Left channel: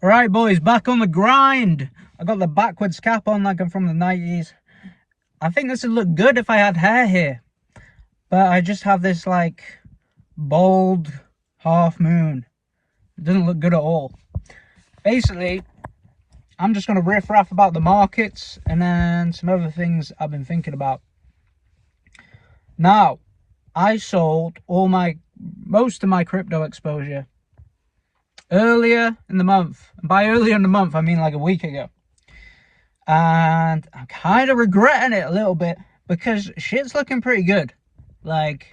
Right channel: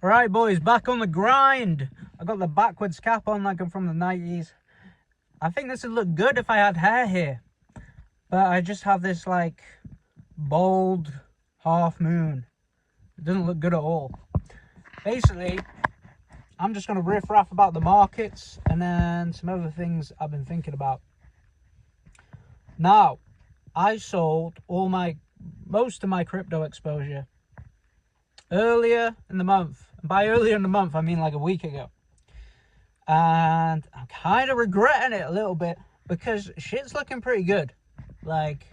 Alright boys, back on the grind. I got the backwards cap on like I'm from the 90s. I think this would look good if I had hair here. But I just have this like bald half moon. It doesn't look good at all. Basically, I'm just going to riff raff about the markets and then some other things I've been thinking about. Now, I sold most of my crypto exposure earlier in the month. And by earlier in the month, I mean like a week ago. And I'm kind of regretting it a little bit because shit's looking pretty good. Like,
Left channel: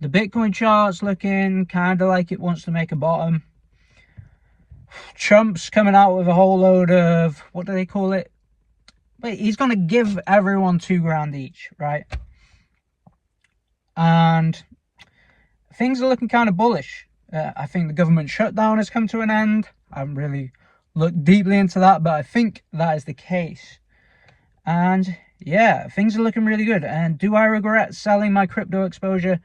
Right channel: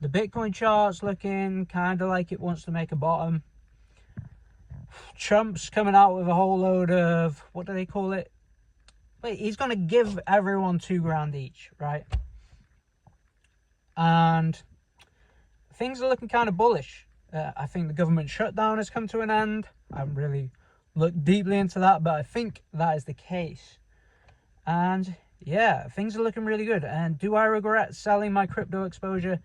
the Bitcoin chart's looking kind of like it wants to make a bottom. Trump's coming out with a whole load of, what do they call it? Wait, he's going to give everyone $2,000 each, right? And things are looking kind of bullish. I think the government shutdown has come to an end. I haven't really looked deeply into that, but I think that is the case. And yeah, things are looking really good. And do I regret selling my crypto exposure?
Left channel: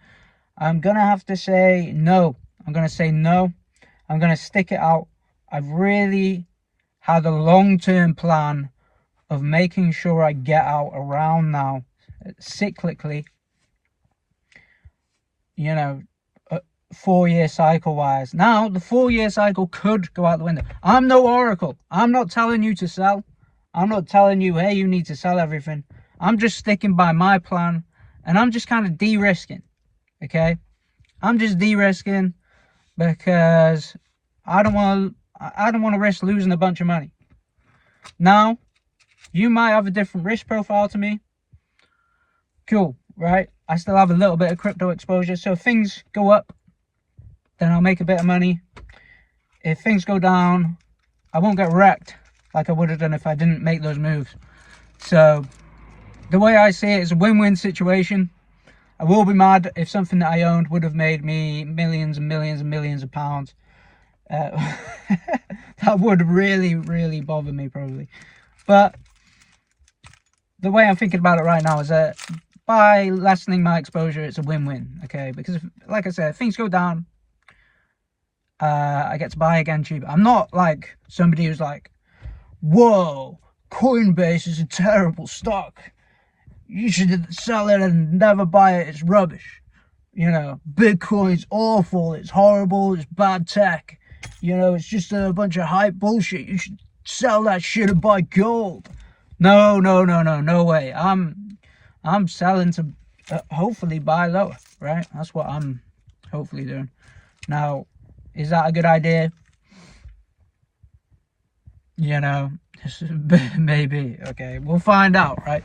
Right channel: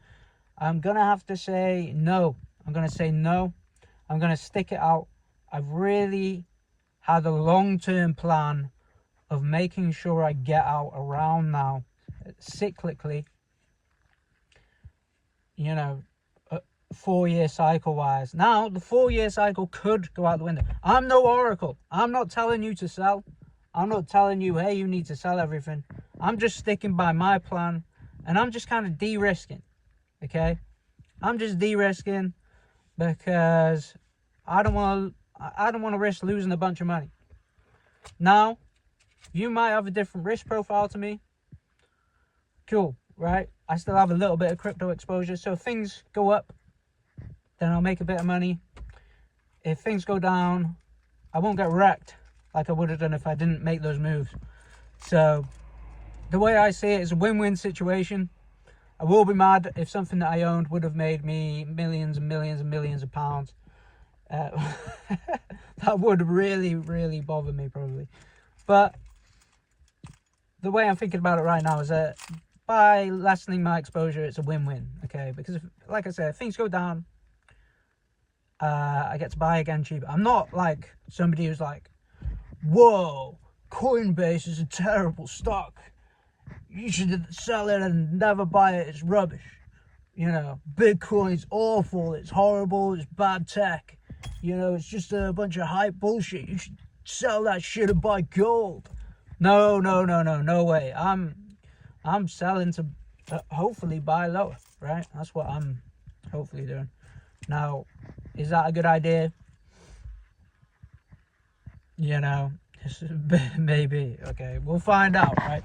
I'm going to have to say no. I'm going to say no. I'm going to stick it out. I've really had a long-term plan of making sure I get out around now, cyclically, you know, 4-year cycle wise. Now, the 4-year cycle could go out the window. I'm no oracle. I'm not telling you to sell. I'm not telling you, hey, you need to sell everything. I'm just sticking by my plan, and I'm just kind of de-risking, okay? I'm just de-risking because I don't want to risk losing a bunch of money. Now, you might have a different risk profile to me. Cool, right? I still have a little bit of crypto exposure, so if things go up, then I'll make a bit of money. If things go down, I won't get wrecked like I would have done if I didn't make those moves. So the way I see it is a win-win situation. I will be mad if something that I owned would have made me millions and millions and millions of pounds. That would really, really bother me probably. But the way I'm thinking about it right now is that by lessening my exposure, it's a win-win, okay? Because, like I said, if things go down, I get to buy again cheaper. I'm not like somebody who's like, whoa, Coinbase is a terrible stock. You should sell it and never buy it. It's rubbish. You know, Bitcoin's awful. It's horrible. It's bad tech. You know, it's just a bunch of hype bullshit. You should sell that shit and buy gold. No way. I'm selling to hopefully buy lower, right? That's what I'm hopefully doing. Now, is that a good idea? You know, maybe. Okay, we'll find out, right?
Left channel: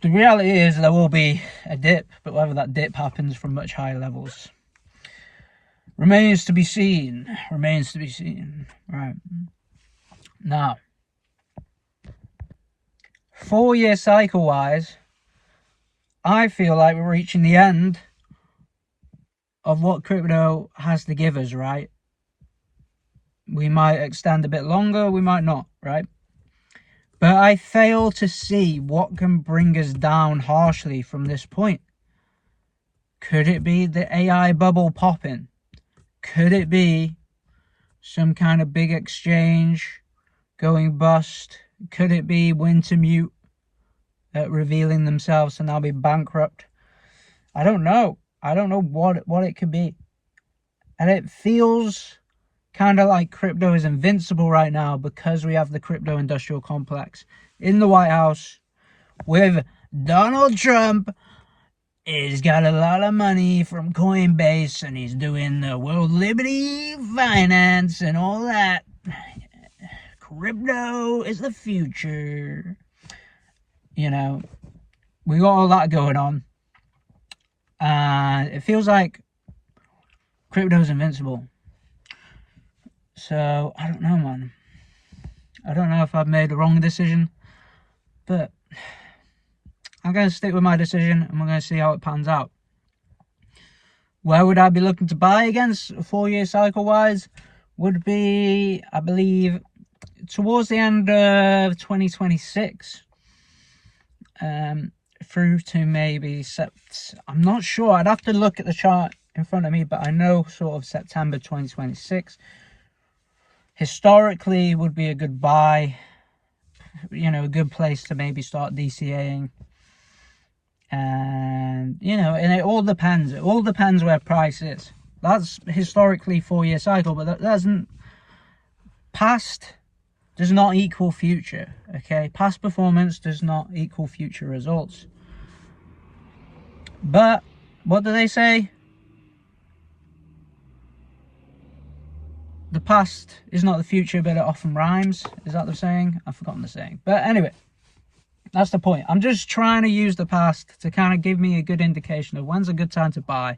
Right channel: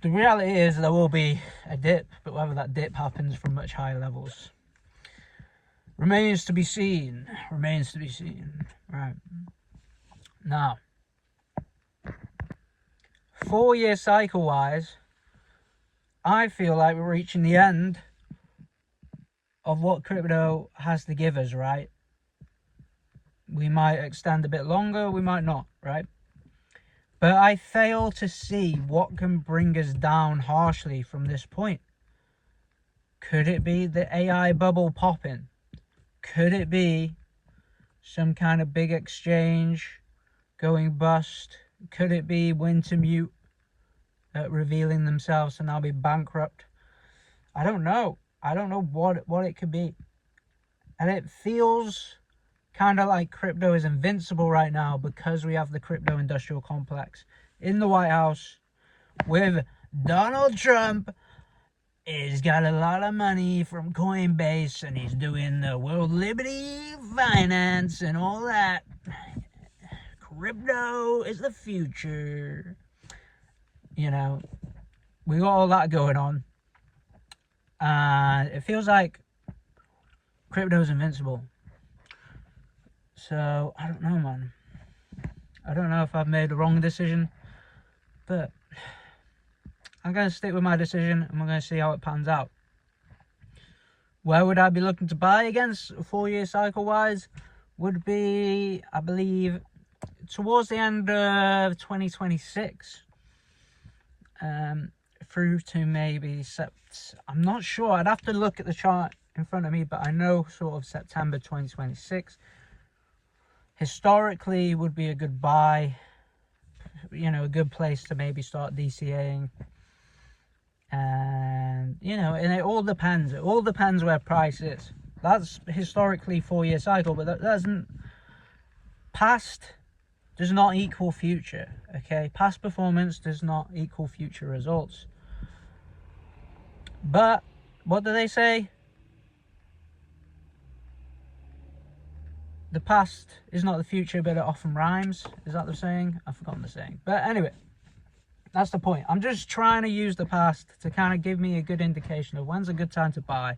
The reality is there will be a dip, but whether that dip happens from much higher levels remains to be seen. Remains to be seen. Right. Now, 4-year cycle wise, I feel like we're reaching the end of what crypto has to give us, right? We might extend a bit longer, we might not, right? But I fail to see what can bring us down harshly from this point. Could it be the AI bubble popping? Could it be some kind of big exchange going bust? Could it be Wintermute revealing themselves to now be bankrupt? I don't know. I don't know what it could be. And it feels kind of like crypto is invincible right now because we have the crypto industrial complex in the White House with Donald Trump. He's got a lot of money from Coinbase and he's doing the World Liberty Finance and all that. Crypto is the future. You know, we got all that going on. And it feels like crypto is invincible. So, I don't know, man. I don't know if I've made the wrong decision. But I'm going to stick with my decision and we're going to see how it pans out. Where would I be looking to buy against 4-year cycle wise? Would be, I believe, towards the end of 2026. Through to maybe I'm not sure. I'd have to look at the chart in front of me, but I know sort of September 2026 historically would be a good buy, you know, a good place to maybe start DCAing. And, you know, and it all depends where price is. That's historically 4-year cycle, but that doesn't, past does not equal future. Okay, past performance does not equal future results. But what do they say? The past is not the future, but it often rhymes. Is that the saying? I've forgotten the saying. But anyway, that's the point. I'm just trying to use the past to kind of give me a good indication of when's a good time to buy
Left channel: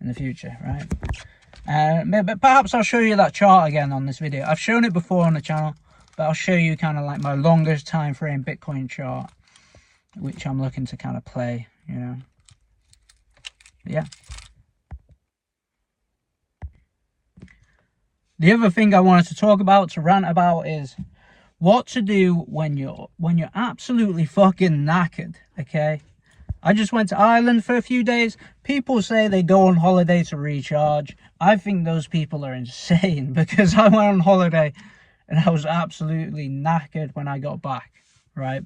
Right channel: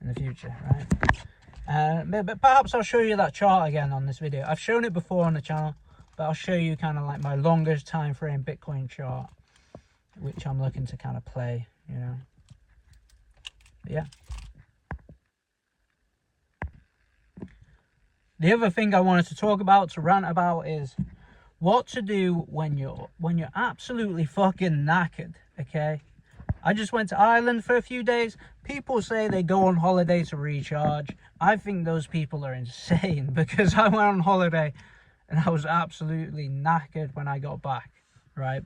in the future, right? But perhaps I'll show you that chart again on this video. I've shown it before on the channel, but I'll show you kind of like my longest time frame Bitcoin chart, which I'm looking to kind of play, you know. But yeah. The other thing I wanted to talk about, to rant about, is what to do when you're absolutely fucking knackered. Okay, I just went to Ireland for a few days. People say they go on holiday to recharge. I think those people are insane, because I went on holiday and I was absolutely knackered when I got back, right?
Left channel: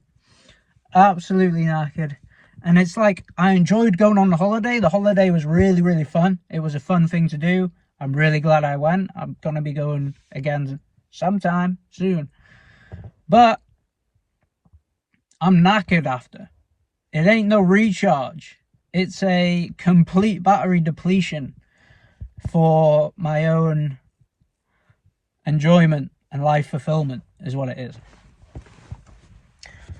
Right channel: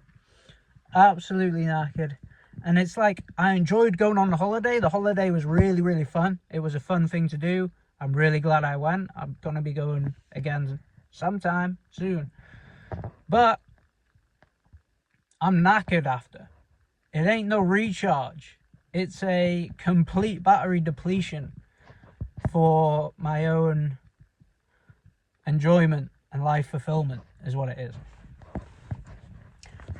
Absolutely knackered. And it's like, I enjoyed going on the holiday. The holiday was really, really fun. It was a fun thing to do. I'm really glad I went. I'm going to be going again sometime soon. But I'm knackered after. It ain't no recharge. It's a complete battery depletion for my own enjoyment and life fulfillment is what it is.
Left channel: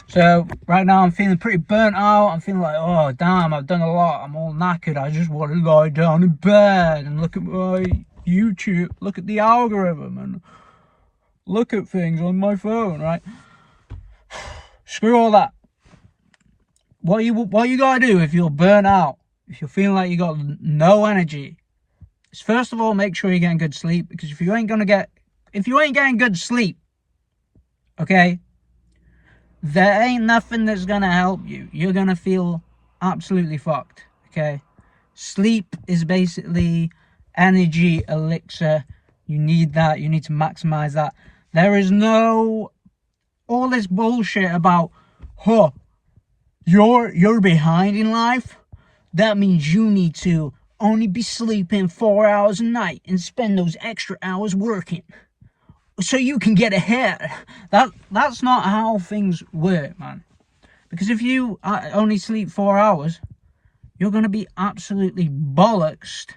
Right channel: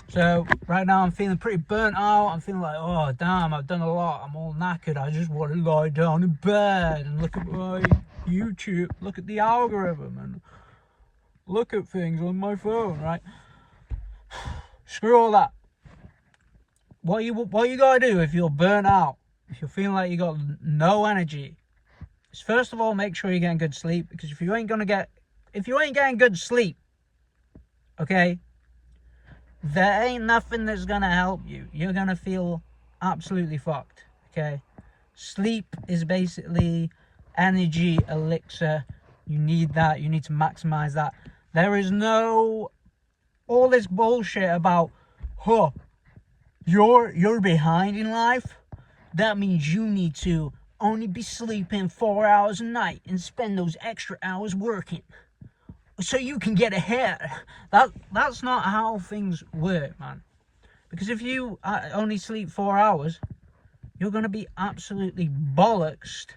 So right now I'm feeling pretty burnt out. I'm feeling like, oh damn, I've done a lot. I'm all knackered. I just want to lie down in bed and look at my YouTube, look at the algorithm and look at things on my phone, right? Screw all that. What you gotta do if you're burnt out, if you're feeling like you got no energy, is first of all make sure you're getting good sleep. Because if you ain't getting good sleep, okay, there ain't nothing that's gonna help you. You're gonna feel absolutely fucked. Okay, sleep is basically energy elixir. You need that. You need to maximize that. There is no all this bullshit about, huh, you're behind in life. That means you need to only be sleeping 4 hours a night and spend those extra hours working so you can get ahead. That's not how things work, man. Because if you only sleep 4 hours, you're going to be absolutely bollocksed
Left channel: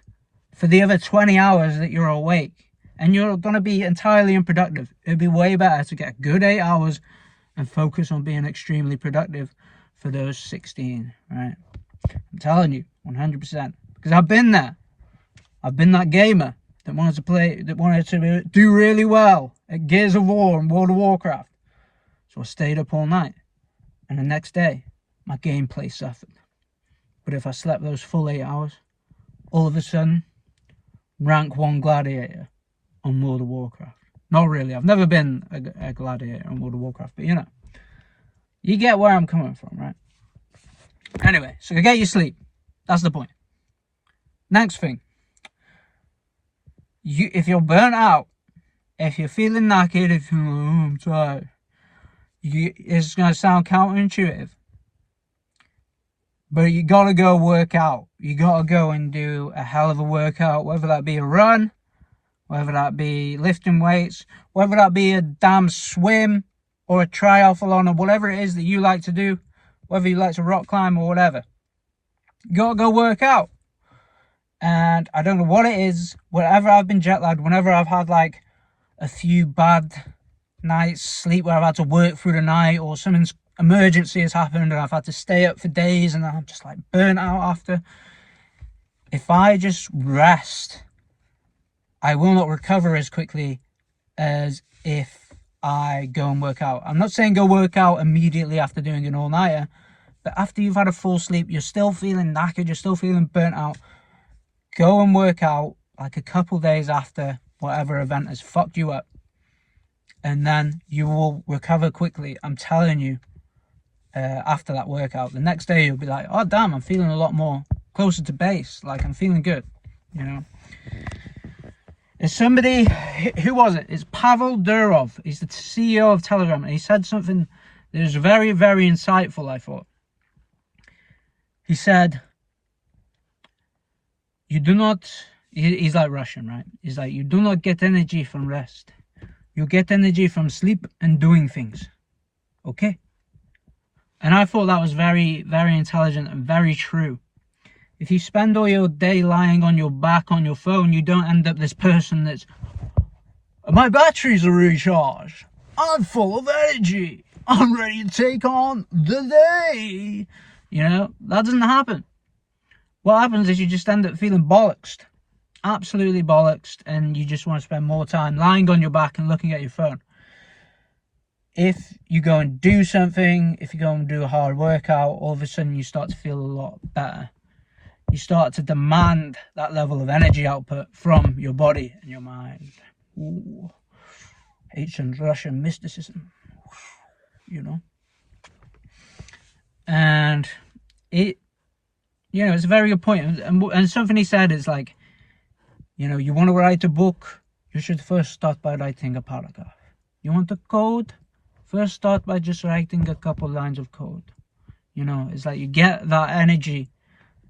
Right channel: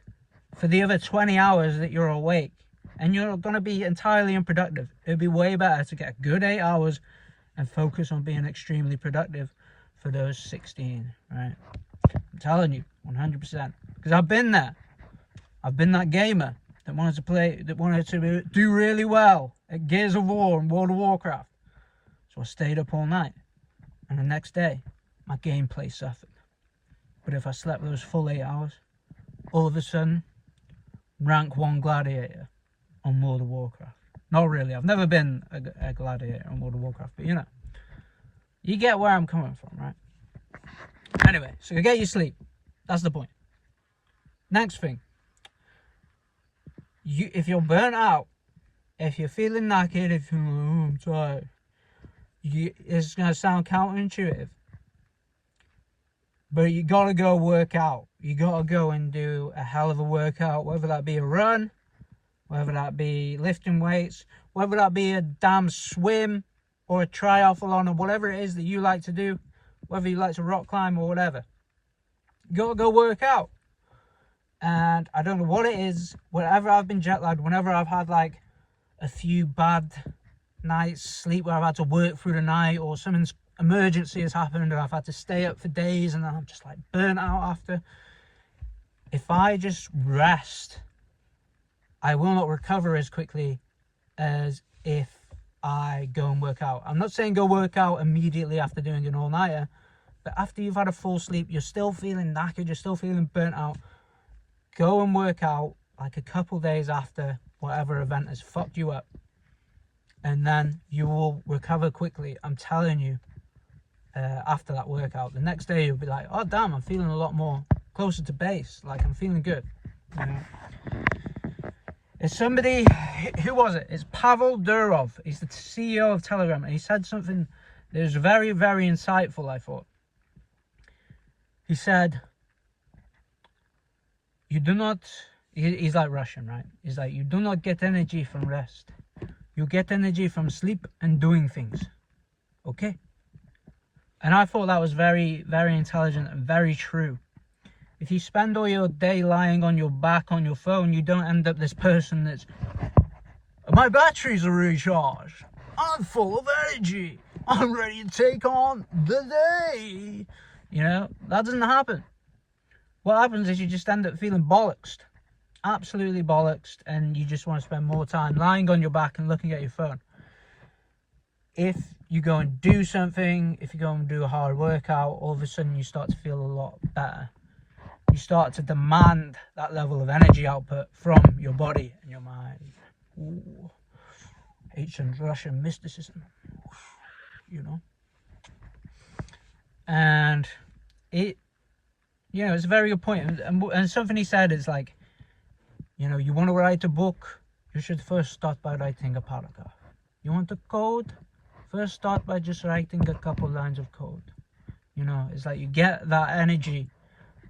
for the other 20 hours that you're awake. And you're going to be entirely unproductive. It'd be way better to get a good 8 hours and focus on being extremely productive for those 16, right? I'm telling you, 100%. Because I've been there. I've been that gamer that wanted to do really well at Gears of War and World of Warcraft. So I stayed up all night. And the next day, my gameplay suffered. But if I slept those full 8 hours, all of a sudden, rank 1 gladiator on World of Warcraft. Not really. I've never been a gladiator on World of Warcraft, but you know. You get where I'm coming from, right? Anyway, so get your sleep. That's the point. Next thing. If you're burnt out, if you're feeling knackered, if you're like, oh, I'm tired, it's going to sound counterintuitive. But you got to go work out. You got to go and do a hell of a workout, whether that be a run, whether that be lifting weights, whether that be a damn swim or a triathlon or whatever it is that you like to do, whether you like to rock climb or whatever. You got to go work out. And I don't know what it is, whenever I've been jet lagged, whenever I've had like a few bad nights sleep where I've had to work through the night or something's emergency has happened and I've had to stay up for days and I'm just like burnt out after. If I just rest, I will not recover as quickly as if I go and work out. I'm not saying go work out immediately after doing an all-nighter, but after you've had a full sleep, you're still feeling knackered, you're still feeling burnt out. Go and work out like a couple days after whatever event has fucked you up. And then you will recover quickly. I'm telling you, after that workout. The next day you'll be like, oh damn, I'm feeling a lot more closer to base. Like I'm feeling good, you know. It's somebody, who was it? It's Pavel Durov. He's the CEO of Telegram, and he said something that was very, very insightful, I thought. He said, you do not, he's like Russian, right? He's like, you do not get energy from rest. You get energy from sleep and doing things. Okay? And I thought that was very, very intelligent and very true. If you spend all your day lying on your back on your phone, you don't end up this person that's, my batteries are recharged, I'm full of energy, I'm ready to take on the day. You know, that doesn't happen. What happens is you just end up feeling bollocksed, absolutely bollocksed, and you just want to spend more time lying on your back and looking at your phone. If you go and do something, if you go and do a hard workout, all of a sudden you start to feel a lot better. You start to demand that level of energy output from your body and your mind. Ooh. Ancient Russian mysticism, you know. And it, you know, it's a very good point. And something he said is like, you know, you want to write a book, you should first start by writing a paragraph. You want to code, first start by just writing a couple lines of code. You know, it's like you get that energy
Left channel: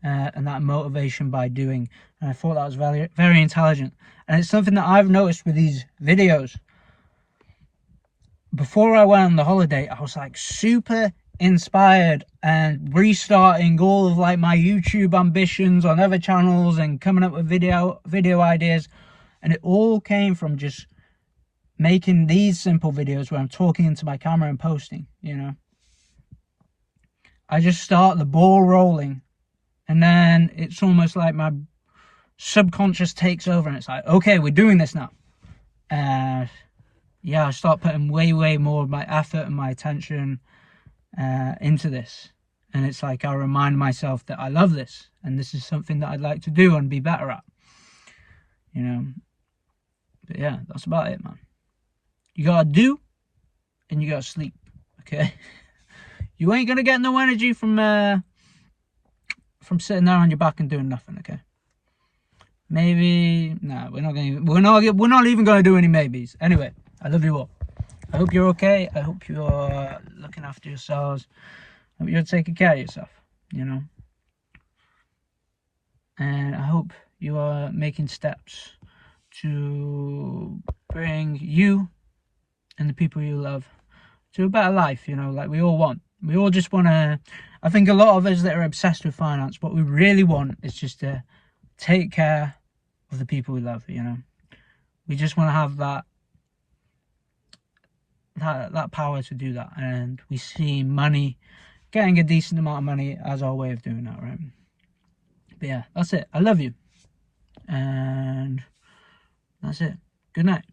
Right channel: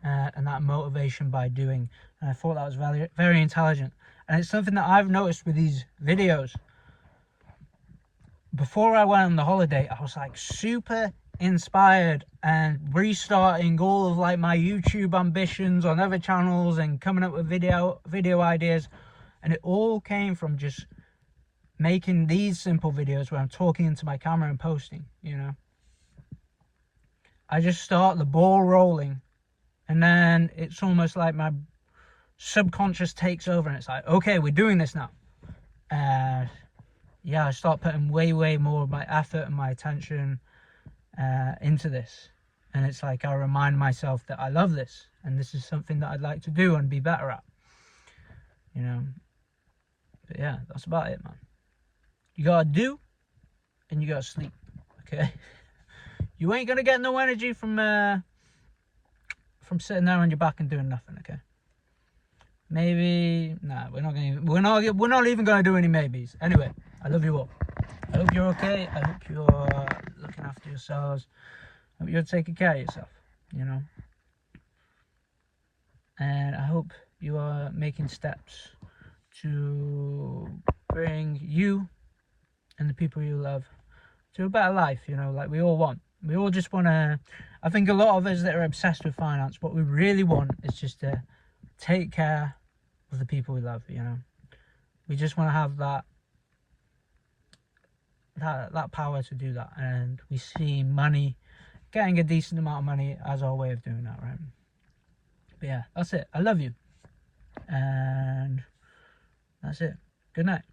and that motivation by doing. And I thought that was very, very intelligent. And it's something that I've noticed with these videos. Before I went on the holiday, I was like super inspired and restarting all of like my YouTube ambitions on other channels and coming up with video ideas. And it all came from just making these simple videos where I'm talking into my camera and posting, you know. I just start the ball rolling. And then it's almost like my subconscious takes over and it's like, okay, we're doing this now. And yeah, I start putting way more of my effort and my attention into this. And it's like I remind myself that I love this. And this is something that I'd like to do and be better at. You know. But yeah, that's about it, man. You gotta do and you gotta sleep. Okay? You ain't gonna get no energy from sitting there on your back and doing nothing, okay? Maybe, no, we're not even gonna do any maybes. Anyway, I love you all. I hope you're okay. I hope you're looking after yourselves. I hope you're taking care of yourself, you know. And I hope you are making steps to bring you and the people you love to a better life, you know, like we all want. We all just want to, I think a lot of us that are obsessed with finance, what we really want is just to take care of the people we love, you know. We just want to have that power to do that. And we see money, getting a decent amount of money as our way of doing that, right? But yeah, that's it. I love you. And that's it. Good night.